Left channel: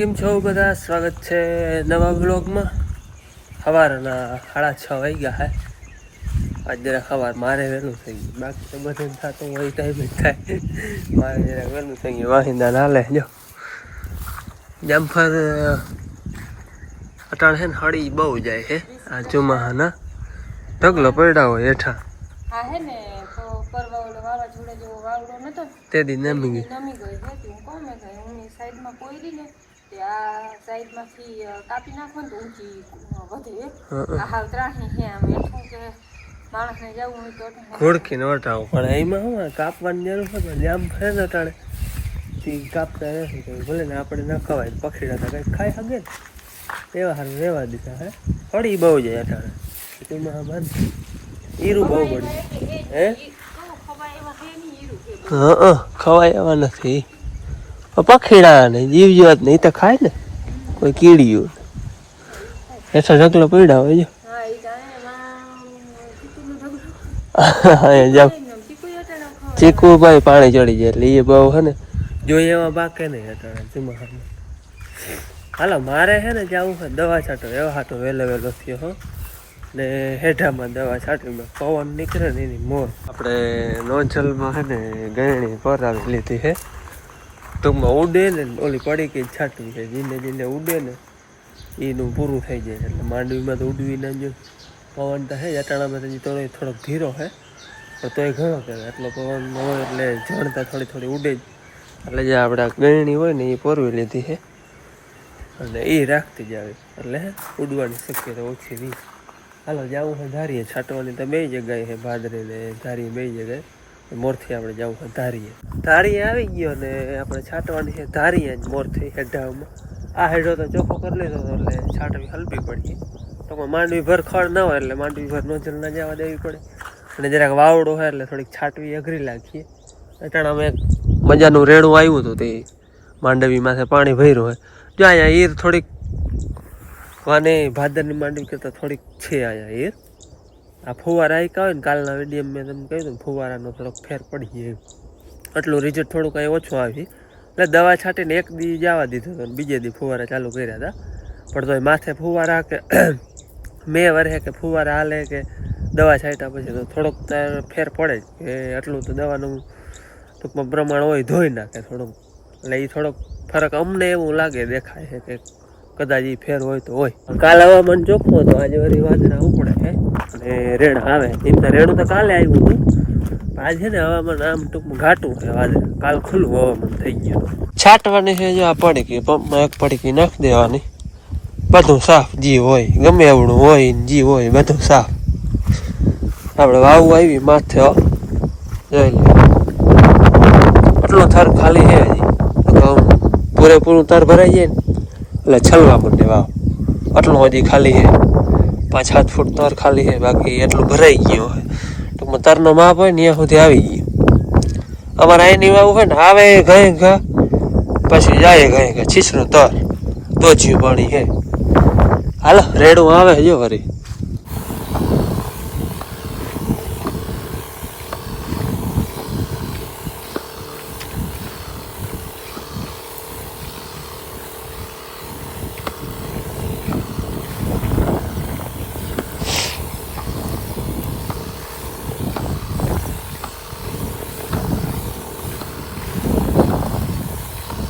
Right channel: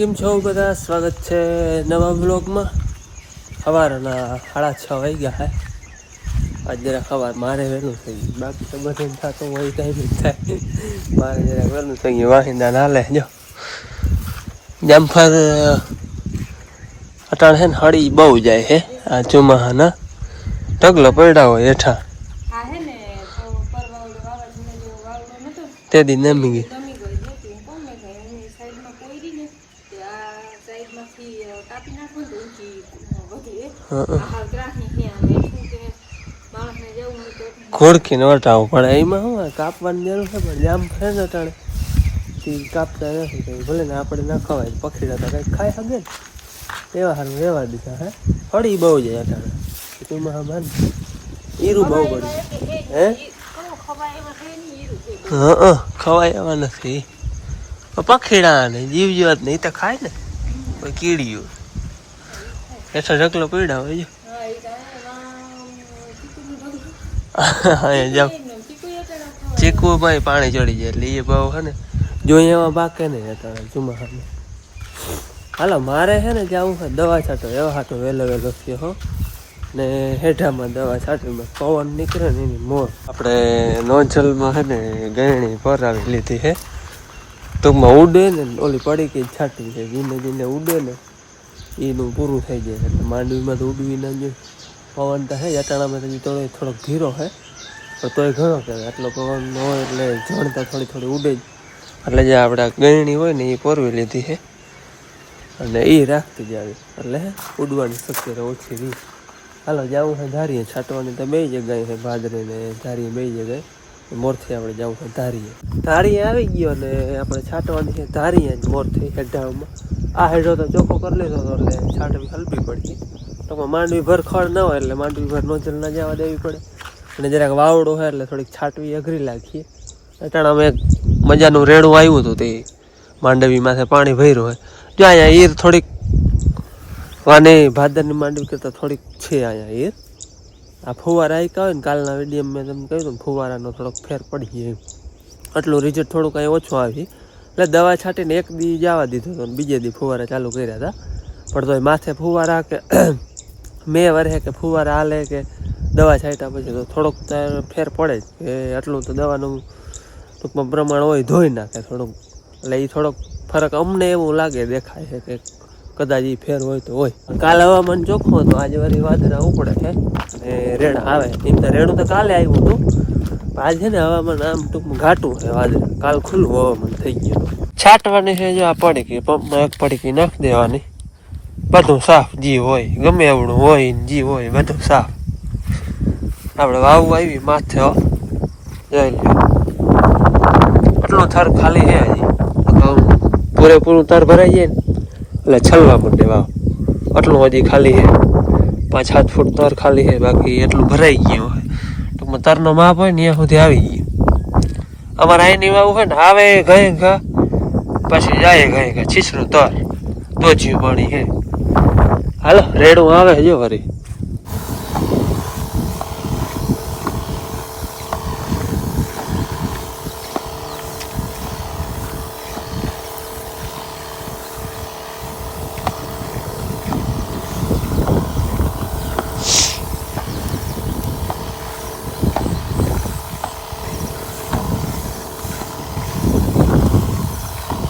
કેમ છો બધા? સ્વાગત છે નવા બ્લોગમાં. સવારના 6:30 વાગ્યા હે. આજ જરા સવાર મારે વહેલું થઈ ગયું, બાકી તો બધે થતું હોય ટાઈમ જ થાય. મારે જરા વહેલું થઈ ગયું. વાહિંદા નાલે જો જામફળ અટાણ હે ને હળી બહુ જાય હે. આ ચોમાહાના ઢગલો પડ્યા હોય હેઠા. આ હે ને તો પરવાળો વાવાઝોડા જેવો વાવડો નતો તે દી નમી ગઈ. સાઈડમાં પોયરી ને તે આ સાઈડમાંથી કાપી નાખો ને ઊંચી વધે. આ હાલ ત્રાહી હે આમ એટલું કે માણસને જવું હોય તો ખોડકીને વટાવવું પડે. એમાં શું કાપવાની જરૂર છે, પણ જામ ફરે ને અટાણે તે કાપતા નથી. ભલે ને આપણે ના ખવાય, પખીડા તો કંઈક ખાઈ શકે ને, એવા સારું રહેવા દીધા હે. હળી બહુ જાય અટાણે ચોમાસામાં. ઈરું બહુ પડ્યું હે. હા, ખવાય એવા નથી. પખીડા ને જીવ જીવાત ને એ તો ખાય ને, કોઈ કીડીયું એસો ઢગલો પીડા હોય. ચીકુ ભાઈ પાણી ચડી જાય એટલે એ બહુ હે ને જોઈએ એવા બાકે નહીં હતા ચોમાસામાં. હાલો મારે છે ને જવું છે દવા છાંટો. એવા હાટો વહેલો વહેલો થયો હો ને હેઠામાં દવા છાંટીમાં પવન નીકળે ને એની મોર. આપણે નોંચલમાં છે ને ગયણી પરાવી લીધી છે. ટૂંકમાં ઉડે ને ઓલી પડી કે છાંટવી છે. ધીમે ધીમે ઉડે ને એનું પૂરું થઈ જાય એટલે માંડવીમાં તો ઉડવી ના જોઈએ. પવન તો હે અટાણામાં તો થોડોક ધીરો છે, પણ તોય ઘણો કહેવાય. આટલો પવન હોય એટલે જણતા થોડી થોડી ઉડે જ. એટલે જે આપણે ગયણી હોય ને એ પોરવી લીધી છે અને એ રાખતી જ આવી એટલે ઉડવાની શક્યતા ઓછી રહી. હાલો જવું છે ધારીએ. છાંટવાની તો બે જગ્યાએ છે, ભાદરે ને ધારીએ બે જગ્યાએ. મોરથી આપણે જવું છે ધારીએ. ધારીએ આવી ગયો ને આપણે છાંટવાની છે ધારીએ જ મોરથી હેઠામાં. આ હેઠો તો ચોખ્ખો કરી લીધો એટલે છાંટવી હલવી પડી. તો માંડવી ભર ખડ ના હોય એટલે માંડવી ભર નોજલ ના જવા દેવી પડે. અને જરાક વાવડો હોય એટલે થોડીક છાંટવી અઘરી લાગીએ. અટાણામાં એક મજાનું રેડું આવ્યું હતું, તે માંડવી માથે પાણી ભર્યું હોય. જો અહીંયા ઈર થોડીક વાની ભાદરની માંડવી કરતાં થોડીક છે અહીંયા ઈર. આ ફુવારા આઈકા હોય ને કાલના વિડીયમ મેં તમને કહ્યું હતું, ફુવારાનો થોડોક ફેર પડી ગયો. આટલું રિઝલ્ટ થોડુંક અહીં ઓછું આવી એટલે દવા છાંટીને એક દી જવા દીધું હતું, બીજે દી ફુવારા ચાલુ કર્યા હતા. પણ તો માથે ફુવારા કે મેં વરે કે ફુવારા હાલે કે દવા છાંટ્યા પછી તો થોડોક ફેર પડે જ. એ આટલું તો દવાનું ટૂંકમાં પ્રમાણ હોય ધોઈ નાખે થોડુંક. એટલે એ થોડોક ફરક અમને એવું લાગે દેખાય છે કે કદાચ એ ફેર હોય તો હોય. કાલ હવામાન ચોખ્ખું હતું, આજે વળી વાદળા ઉપડે છે અને રેડ આવે. એમ તો રેડું તો કાલે આવ્યું હતું, આજ છે ને હવામાન આમ ટૂંકમાં ઘાટું છે વાદળ. કાલ ખુલ્લું હવામાન થઈ ગયું. છાંટવાની છે જો આ પડીકી, પંપમાં એક પડીકી નાખી દેવાની. બધું સાફ જી હોય, ગમે એવડું હોય જી હોય બધું સાફ. આપણે વાવું આવી માથે જોઈ લે આટલો થર ખાલી છે હજી. પૂરેપૂરું તર ભરાઈ જાય ને એટલે છલવા પડે વાવ. આટલું હજી ખાલી છે, 5-7 ફૂટ તર ખાલી છે, બાકી એટલું ભરાઈ ગયું હોય. ટૂંકમાં તરનો માપ હોય ને ત્યાં સુધી આવી ગયું. અમારે અહીંની વાવું હોય ને આવે ઘઈ ઘા પછી જાય ઘઈ ઘા છીછરું તર દોજ્યું પાણી છે. હાલો રેડું આવે જો વરી.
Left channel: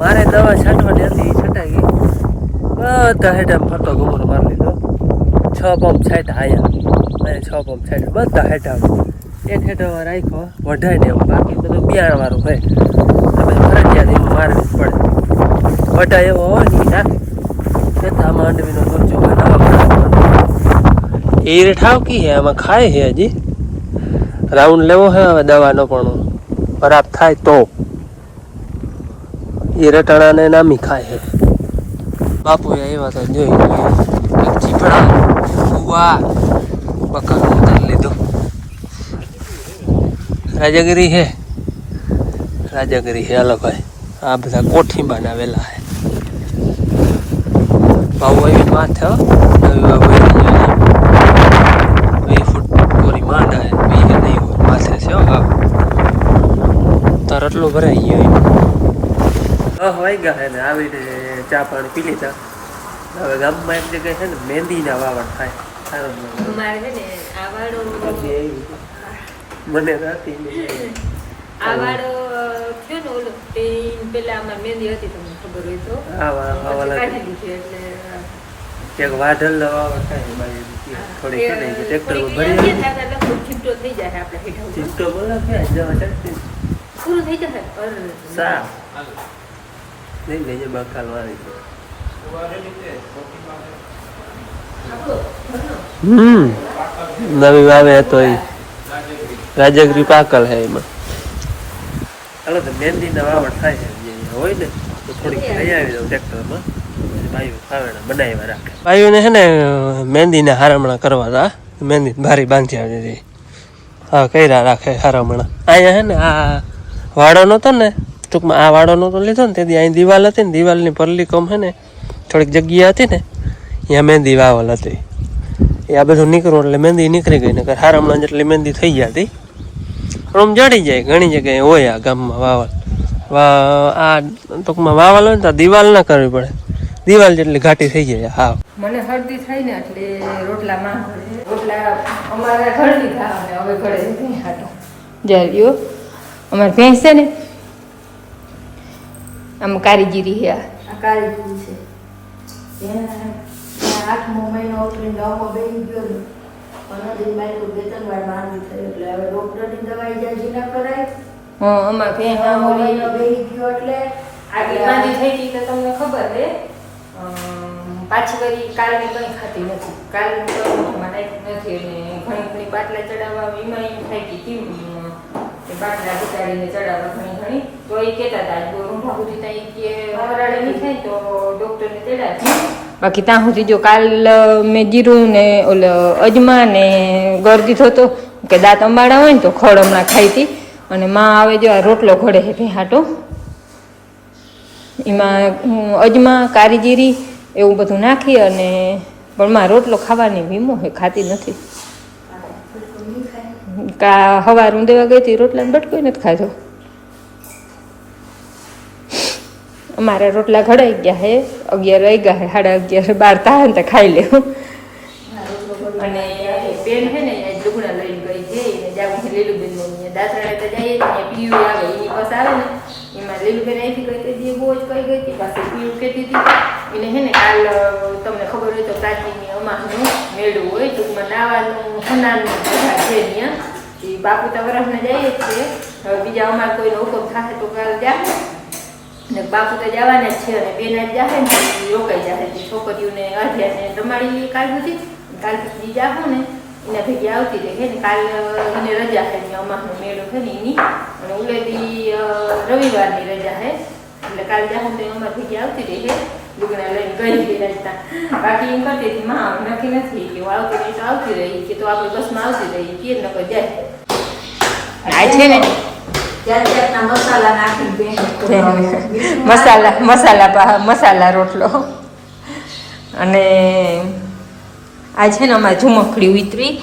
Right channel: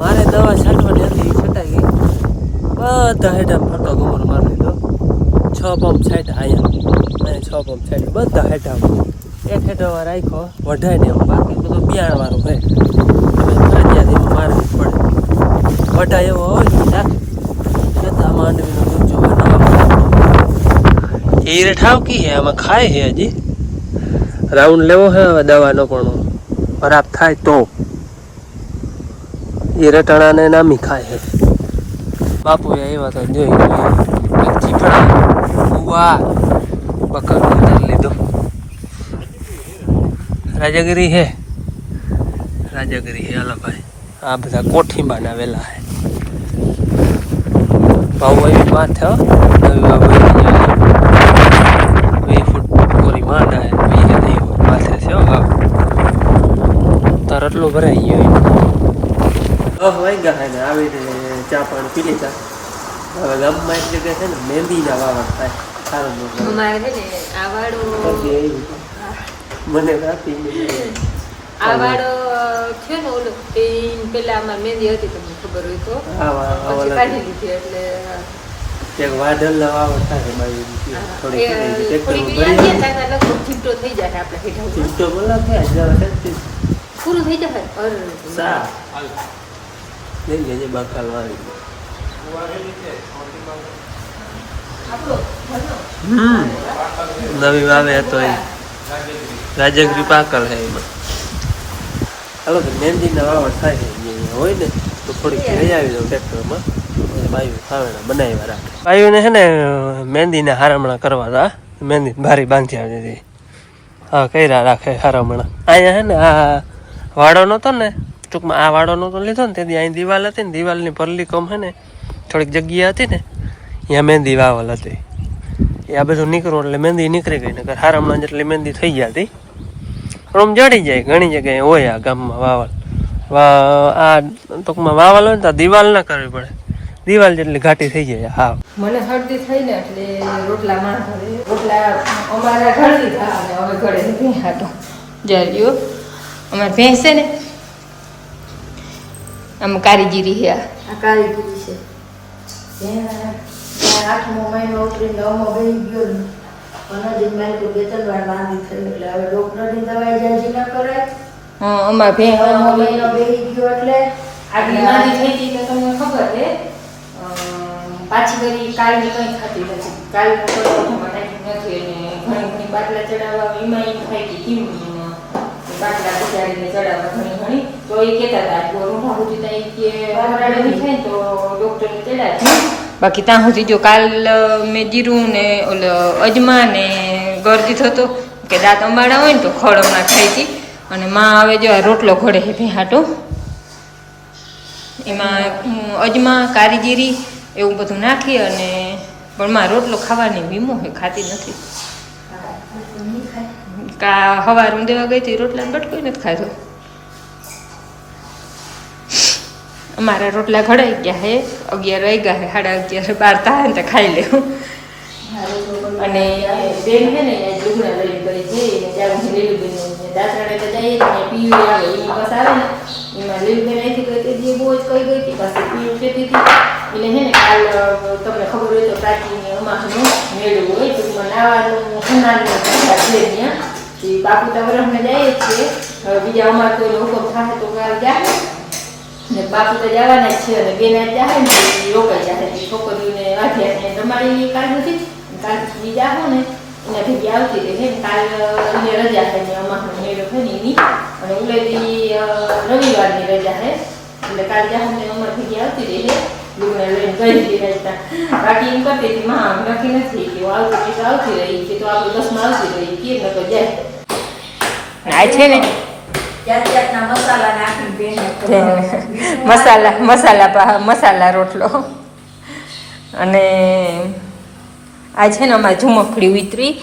મારે દવા છાંટવાની હતી, છટાઈ ગઈ. બધા હેઠા ફોટો ગોબર મારી લીધો. 6 પંપ છાંટા અહીંયા 6 પંપ છાંટા બધા હેઠામાં. એક હેઠામાં રાખ્યો વઢાય ને, બાકી બધું બિયાણ વાળું હોય ફરજિયાત એમાં મારવી પડે. વઢાય એવો હોય ને જતા માંડવીનો ડોચો એ ઠાવકી છે. આમાં ખાય છે હજી. રાઉન્ડ લેવો છે હવે દવાનો, પણ ખરાબ થાય તો એ રટાણાને નામી ખાય છે. બાપુ એવા તો જોઈ ચીકણા બકરું ઉતારી લીધું. રાજાગીરી છે, રાજાગીરી છે. હાલો ભાઈ, આ બધા કોઠી બનાવેલા છે. બાબુ એવી માથે 2 ફૂટ પૂરી માંડ છે માથે છે. બાબુ તાર એટલું ભરાઈ ગયા. 10 વાગ્યા છે ને આવીને ચા પાણી પી લીધા. હવે ગામમાં એક જગ્યાએ છે ને મહેંદીના વાવડ થાય સારું અમારે છે ને આ વાડો મને રાતી આ વાડો થયો ને ઓલો પેલા આમાં મહેંદી હતી તમને ખબર હોય તો કાઢી દીધી એટલે એક વાઢલ વાવડ થાય બાજુ થોડી છે ને ટ્રેક્ટર ભરી ચીપટો થઈ જાય આપણે હેઠળ ચીપટો બોલા છે જવા પૂરું થઈ જશે સા લઈ લેજે બકાલ વાળી નવી વાવે હતો એ રાજગરી પાકલ હે એમાં. હાલો તો મહેંદીના વાવડ થાય છે હોય ને તો થોડીક લઈ આવી દઉં ટ્રેક્ટરમાં. ભાઈઓ ખાવડા બનાવ્યા રાખે. ભાઈઓને છે ને મહેંદીના હારમણા કરવા હતા. મહેંદી ભારી બાંધી આવી હતી. હા કર્યા રાખે હારમણા. અહીંયા છે ને આ વાડો નહોતો ને ટૂંકમાં આ વાડો નહોતો લીધો ને તેથી અહીં દિવાલ હતી ને દિવાલની પરલી કમ છે ને થોડીક જગ્યા હતી ને ત્યાં મહેંદી વાવલ હતી. એ આ બધું નીકળવું એટલે મહેંદી નીકળી ગઈ નકર હારમણા જેટલી મહેંદી થઈ ગયા હતી. પણ આમ જડી જાય ઘણી જગ્યાએ હોય આ ગામમાં વાવલ. આ ટૂંકમાં વાવલ હોય ને તો દિવાલ ના કરવી પડે. દિવાલ જેટલી ઘાટી થઈ જાય. હા મને શરદી થઈ ને એટલે રોટલા માં ઘરે રોટલા અમારા ઘર દીધા અને હવે ઘરે ભેંસ હતા જાયો અમારે ભેંસ છે ને આમ કારીગીરી છે આ કારીગીરી છે એના 8મો મહિનો ઉતરી 9મો બેહી ગયો ને અને દિન મારી બે ત્રણ વાર માંગી છે એટલે હવે ડોક્ટરની દવાઈ જાજી ના કરાય. હા અમાર ભેંસ મહિનો બેહી ગયો એટલે આગલી માંદી થઈ ગઈ તો તમને ખબર છે. પાછી કરી કાલની કંઈ ખાતી નથી. કાલનું તો મને નથી અને ઘણી બાટલા ચડાવવા એમાં એમ થાય કે કેવું બાટલા બિચારીને ચડાવવા ઘણી તો એ કહેતા હતા જો રૂંઢા સુધી ત્યાં કે વરાળે નહીં થાય તો ડૉક્ટરને ચડાવી. બાકી ત્યાં સુધી જો કાલ મેં જીરું ને ઓલો અજમા ને ગળ દીધો હતો કે દાંત અંબાડા હોય ને તો ખડ હમણાં ખાઈ હતી. અને માં હવે જો આ રોટલો ઘડે છે ભેહાટો એમાં અજમા કારીગીરી એવું બધું નાખી અને પણ માં રોટલો ખાવાની વીમો હોય ખાતી નથી. કા હવાર હું દેવા ગઈ હતી રોટલાને બટકો નથી ખાધો. અમારા રોટલા ઘડાઈ ગયા હે 11 રહી ગયા હે 11:30 12 થાય ને તો ખાઈ લેવું. અને બેન છે ને લુગડા લઈ ગઈ છે એને જાવું છે લીલુબેન ને દાંતરાણે તો જઈએ ને પીયું આવે એની બસ આવે ને એમાં લીલુબેન અહીંથી ગઈ તે જે બહુ જ કઈ ગઈ હતી પાછી પીયું કહેતી હતી એટલે છે ને કાલ તમને ખબર હોય તો પ્રાચીન અમાસનું મેળું હોય ટૂંકમાં નાવાનું ખંડાનું બધા છે ત્યાં એ બાપુતા વરસને જઈએ છીએ. હવે બીજા અમારે કોઈનો હુકમ થાય તો કાલ જાય ને બાપુતા જવાના જ છે અને બેન જ જાય ને રોકાઈ જાય છોકરીઓને આધ્યાત્મને રમાડી કાલ સુધી કાલ પછી બીજા હો ને એના ભેગી આવતી રહે છે ને કાલ એને રજા છે ને અમાસનો મેળો છે ને એની અને ઉલેદી રવિવારની રજા છે એટલે કાલ જાઉં ને અમારે ભેગી આવતી રહે છે લુગડા લઈને ગઈ હતી રાજતા. બાકી એમ કરતી હતી માં નક્કી નથી કે આવતી રહી તો આવતી રહી કે તો આપણે બસમાં આવતી રહી કે નકર જાય. આ છે ને મસાલા રોટલો અને આ છે ને અમારે ઝુમખડી ઉતરી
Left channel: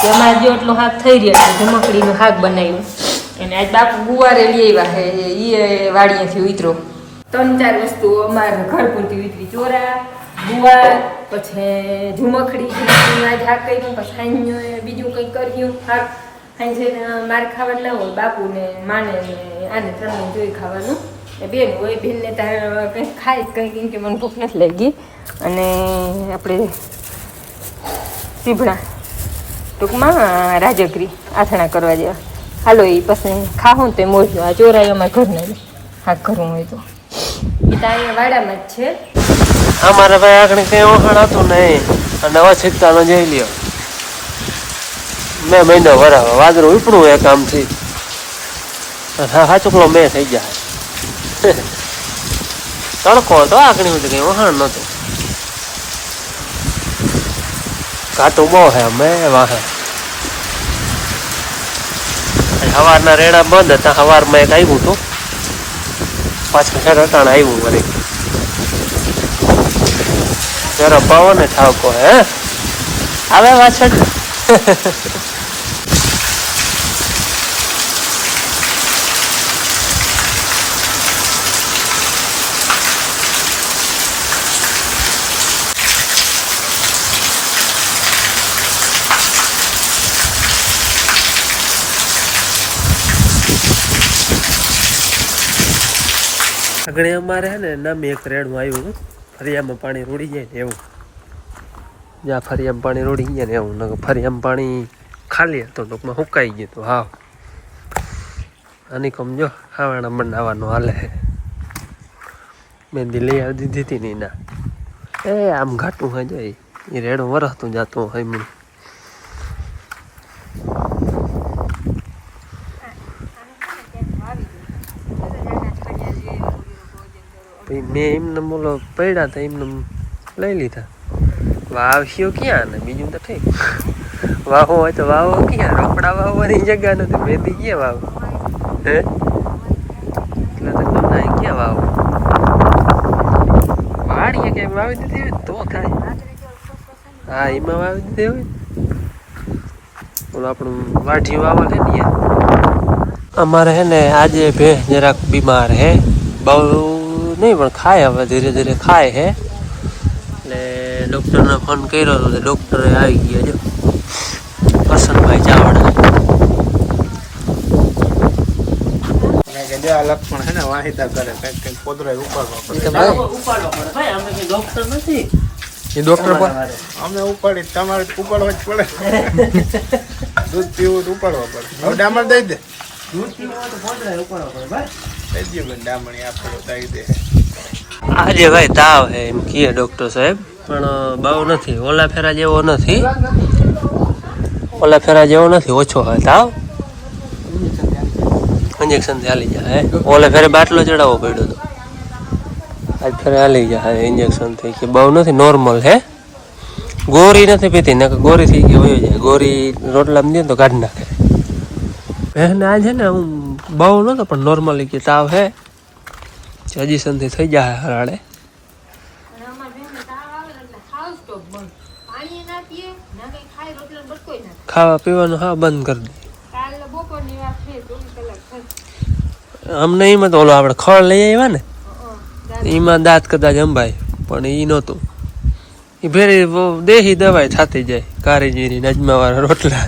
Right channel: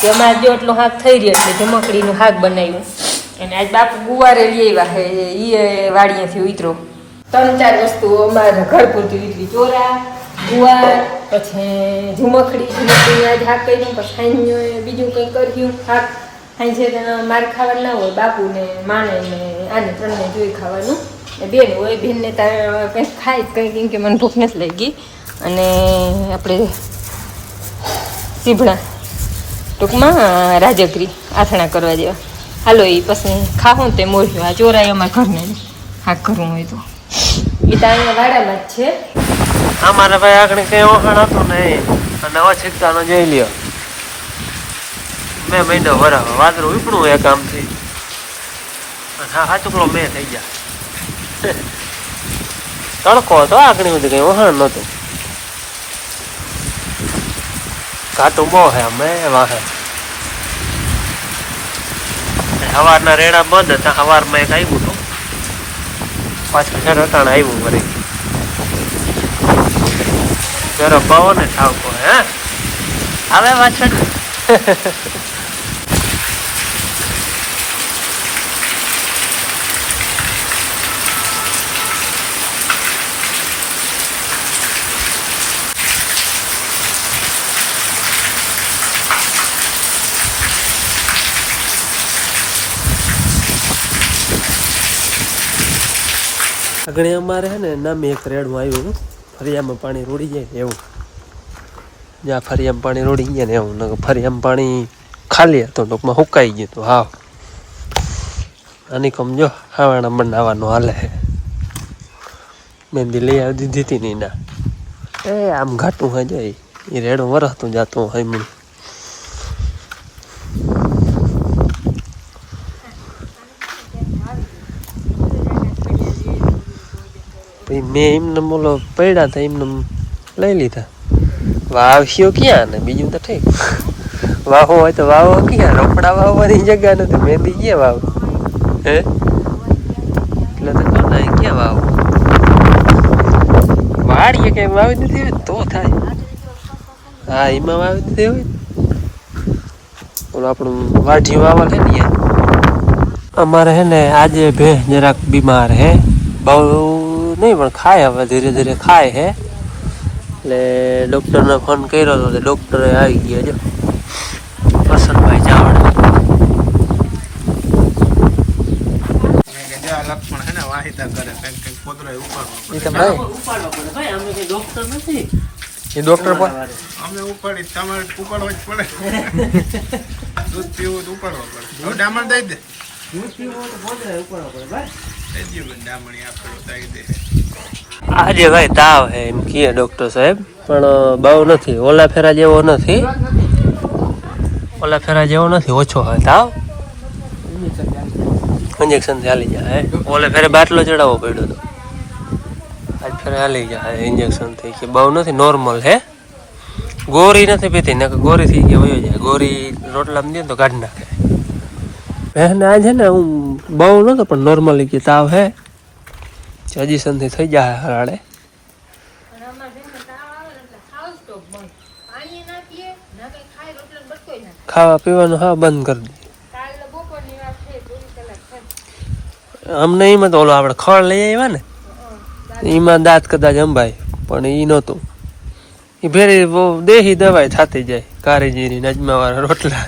કે અમારે જો એટલું શાક થઈ રહ્યું એટલે ઝુમખડીનું શાક બનાવ્યું. અને આજ બાપુ ગુવારે લઈ આવ્યા છે એ વાડીએથી ઉતરો 3-4 વસ્તુઓ અમારે ઘર પૂરતી ઉતરી. ચોરા ગુવાર પછી ઝુમખડી આજ શાક કર્યું પછી બીજું કંઈક કર્યું શાક સાંજે મારે ખાવાનું ના હોય બાપુને માને ને આને 3ને જોઈ ખાવાનું. બેન હોય બેનને તારે કંઈક ખાય કંઈ કેમ કે મને ભૂખ નથી લાગી. અને આપણે સીભડા ટૂંકમાં રાજગરી આથણા કરવા જેવા હાલો એ પછી ખાવું ને તે મોર્યું. આ ચોરાઈ અમારા ઘરને શાક કરવું હોય તો એ તો અહીંયા વાડામાં જ છે. અમારા ભાઈ આગળ કઈ ઓહાણ હતું નહીં અને અછીકતાનો જઈ લ્યો મેં મહિનો વરાવો વાદળું ઉપડું એ કામ થી હા હાચુકલો મેં થઈ જાય તડકો હતો આગળ સુધી કઈ વહાણ નહોતું. ઘાટું બહુ હે અમે વાહે સવારના રેડા બંધ હતા. સવારમાં એક આવ્યું હતું પાછું સર અટાણ આવ્યું વળી જરા પાવો ને ઠાવકો હે આવે પાછળ આગળ અમારે હે ને નામે એક રેડું આવ્યું ફરિયામાં પાણી રોડી જાય ને એવું જ્યાં ફરિયામાં પાણી રોડી ગયા ને એવું નકર ફરિયામાં પાણી ખાલી હતું ટૂંકમાં સુકાઈ ગયું હતું હાવ આની કમ જો હાવાણા બનાવવાનું હાલે હે મહેંદી લઈ આવી દીધી હતી ની ના એ આમ ઘાટું હોય જાય એ રેડું વરસતું જાતું હોય મને પછી મેં એમને બોલો પડ્યા હતા એમને લઈ લીધા વાવ્યો ક્યાં ને બીજું તો ઠીક વાવો હોય તો વાવો ક્યાં રોપડા વાવવાની જગ્યા નથી મહેંદી ક્યાં વાવ હે એટલે તો કહો ને ક્યાં વાવ વાડીએ કઈ વાવી નથી હોય તો થાય હા એમાં વાવી દીધી હોય ઓલું આપણું વાઢી વાવલ હે ને અમારે હે ને આજે ભેંસ જરાક બીમાર હે બહુ નહીં પણ ખાય હવે ધીરે ધીરે ખાય હે એટલે ડૉક્ટરને ફોન કર્યો હતો તો ડૉક્ટરે આવી ગયા જો વસંતભાઈ ચાવડા લક્ષણ હે ને વાહિદા કરે પોદરા ઉપાડવા પડે ડોક્ટર નથી એ ડોક્ટર પણ અમે ઉપાડી તમારે ઉપાડવા જ પડે દૂધ પીવું તો ઉપાડવા પડે ડામણ દઈ દે દૂધ પીવું હોય તો પોદરા ઉપાડવા પડે ભાઈ દઈ દે ડામણી આપેલો દઈ દે આજે ભાઈ તાવ હે એમ કહે ડોક્ટર સાહેબ પણ બહુ નથી ઓલા ફેરા જેવો નથી ઓછો હોય તાવ ઇન્જેક્શન થી હાલી જાય ઓલે ફેરે બાટલો ચડાવવો પડ્યો હતો આજ ફેરે હાલી જાય ઇન્જેક્શન થી કે બહુ નથી નોર્મલ હે ગોરી નથી પીતી ને ગોરી થઈ ગયા વયો જાય ગોરી રોટલામાં દે તો કાઢી નાખે બહેન આજ છે ને હું બહુ નતો પણ નોર્મલી કે તાવ હે સજેશન થી થઈ જાય હરાડે ખાવા પીવાનું હા બંધ કરી દઈએ અમને એમાં તો ઓલો આપણે ખળ લઈ આવ્યા ને એમાં દાંત કદાચ અંબાય પણ એ નહોતું એ ભેરી દેહી દવાઈ થતી જાય કારીજીરી નજમાવાળા રોટલા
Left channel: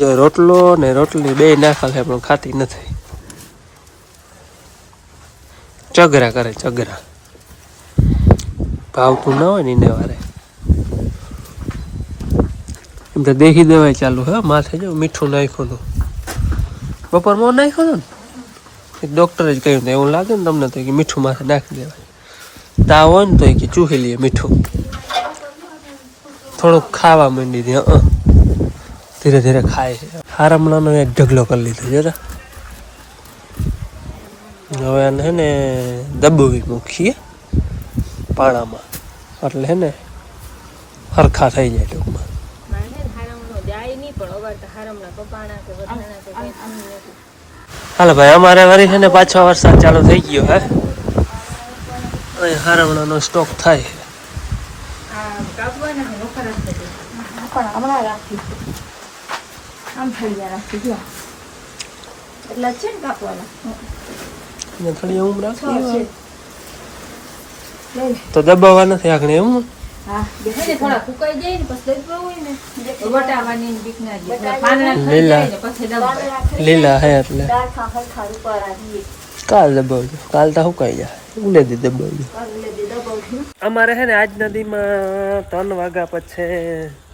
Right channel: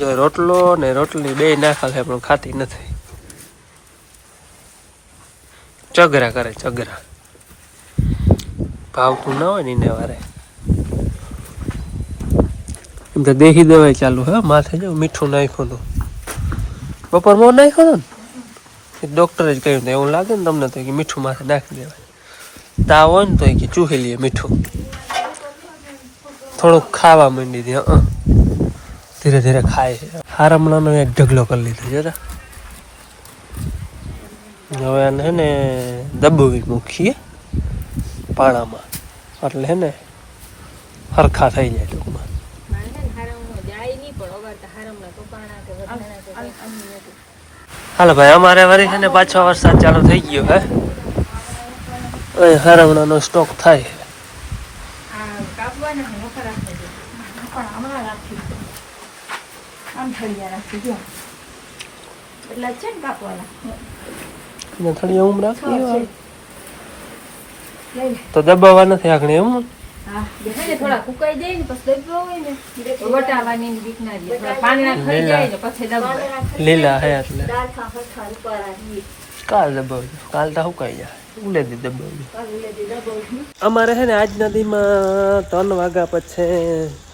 જો રોટલો ને રોટલી બે નાખા છે પણ ખાતી નથી ચગરા કરે ચગરા ભાવતું ના હોય ને એને વારે એમ તો દેહી દવાઈ ચાલુ હે માથે જો મીઠું નાખ્યું હતું બપોરમાં નાખ્યું હતું ને ડૉક્ટરે જ કહ્યું એવું લાગે ને તમને તો કે મીઠું માથે નાખી દેવાય તાવ હોય ને તો કે ચૂહી લઈએ મીઠું થોડુંક ખાવા માંડી દે ધીરે ધીરે ખાય છે હારમણાનો એક ઢગલો કરી લીધો જરા હવે આને હે ને દબાવી મૂકીએ પાણામાં એટલે હે ને હરખા થઈ જાય ટૂંકમાં હાલો ભાઈ અમારે વળી છે ને પાછો વરસાદ ચાલુ થઈ ગયો હે હરમણાનો સ્ટોક થાય થોડી ઊંઘ રાખી તો દબાવવા નથી આગળ એમ લીલા હે એટલે કાલ દબાવજો કાલ તો સુકાઈ જાય ઉલેદી દબાવજો અમારે હે ને આજ નદીમાં 3 વાગ્યા પછી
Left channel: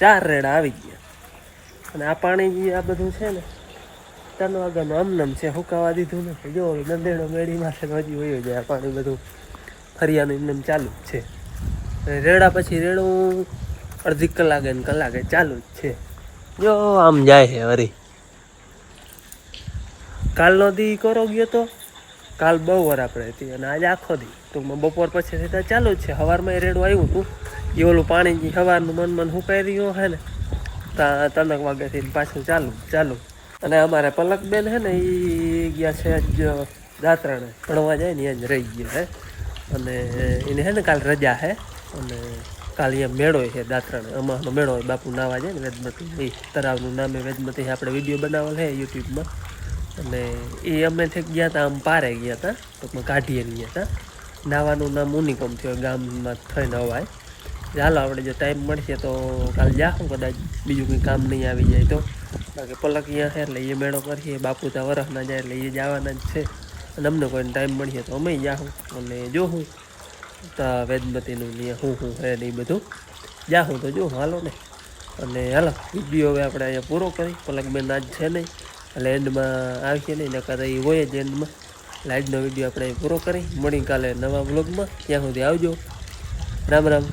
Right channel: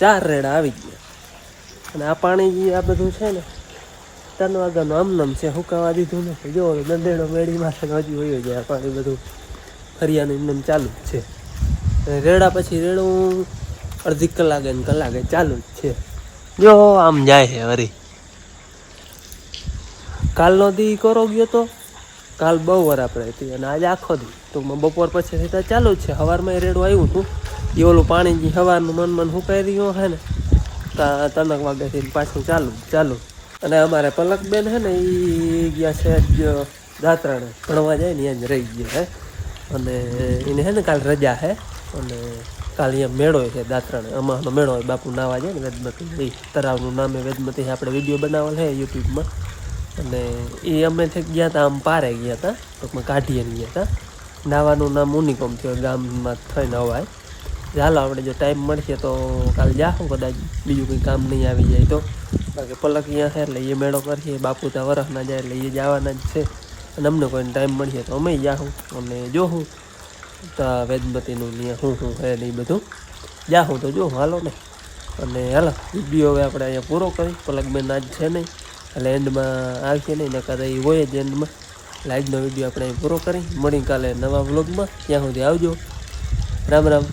4 રેડા આવી ગયા અને આ પાણી આ બધું છે ને 3 વાગ્યાનું આમનામ છે સુકાવા દીધું નથી જો દંદેડો મેળીમાં છે હજી વયો જાય પાણી બધું ફરિયાનું એમને ચાલુ જ છે રેડા પછી રેડું અડધી કલાકે ને કલાકે ચાલુ જ છે જો આમ જાય છે વરી કાલનો દી કરો ગયો તો કાલ બહુ વાર આપણે હતી અને આજે આખો દી ટૂંકમાં બપોર પછી સીધા ચાલુ જ છે સવારમાં રેડું આવ્યું હતું એ ઓલું પાણી જે સવારનું મન સુકાઈ રહ્યું હે ને 3 વાગ્યાથી પાછું ચાલુ અને અમારે પલકબેન હે ને એ ગયા છે જ દાતરાણે ભણવા જાય ને ત્યાં જ રહી ગયા હે અને એને હે ને કાલ રજા હે અને કાલ અહીંયા મેળો છે દાતરાણે અમારનો મેળો હોય બાપુ નાવા જાય ને વેદમતી એ તળાવનું નામે વેદમતી આપણે વિડીયો બનાવેલ છે યુટ્યુબમાં અને એ અમે થઈ ગયા હતા આમ પારે ગયા હતા ટૂંકમાં કાઢીએ ગયા હતા નાવાનું નામ ઉનિકોમ થયો ગામમાં થઈને અવાય ચાલો આપણે જો ટાઈમ મળશે તો કાલ જાશું કદાચ બીજું કંઈ કામ નહીં આવી જાય તો બાકી પલક અહીંયા છે એટલે એ મેળો કરીએ બાપુ ત્યાં વરસના જાય એટલે એ જવાના જ છે અને અમને કોઈને ટાઈમ મળશે તો અમે જાઉં અને જોઉં તો વેદમતીનું ને શું હે ને એ બધું જાઉં તો જોઉં હાલો ને. અને હાલો વિડીયો હવે આપણે અહીંયા પૂરો કરી. પલકબેન આજ છે નહીં એટલે એન્ડમાં આવશે નહીં, નકર એ હોય જ એન્ડમાં. એટલે આજનો વિડીયો આપણે પૂરો કરી. મળી કાલે નવા વ્લોગમાં. ત્યાં સુધી આવજો. રામ રામ.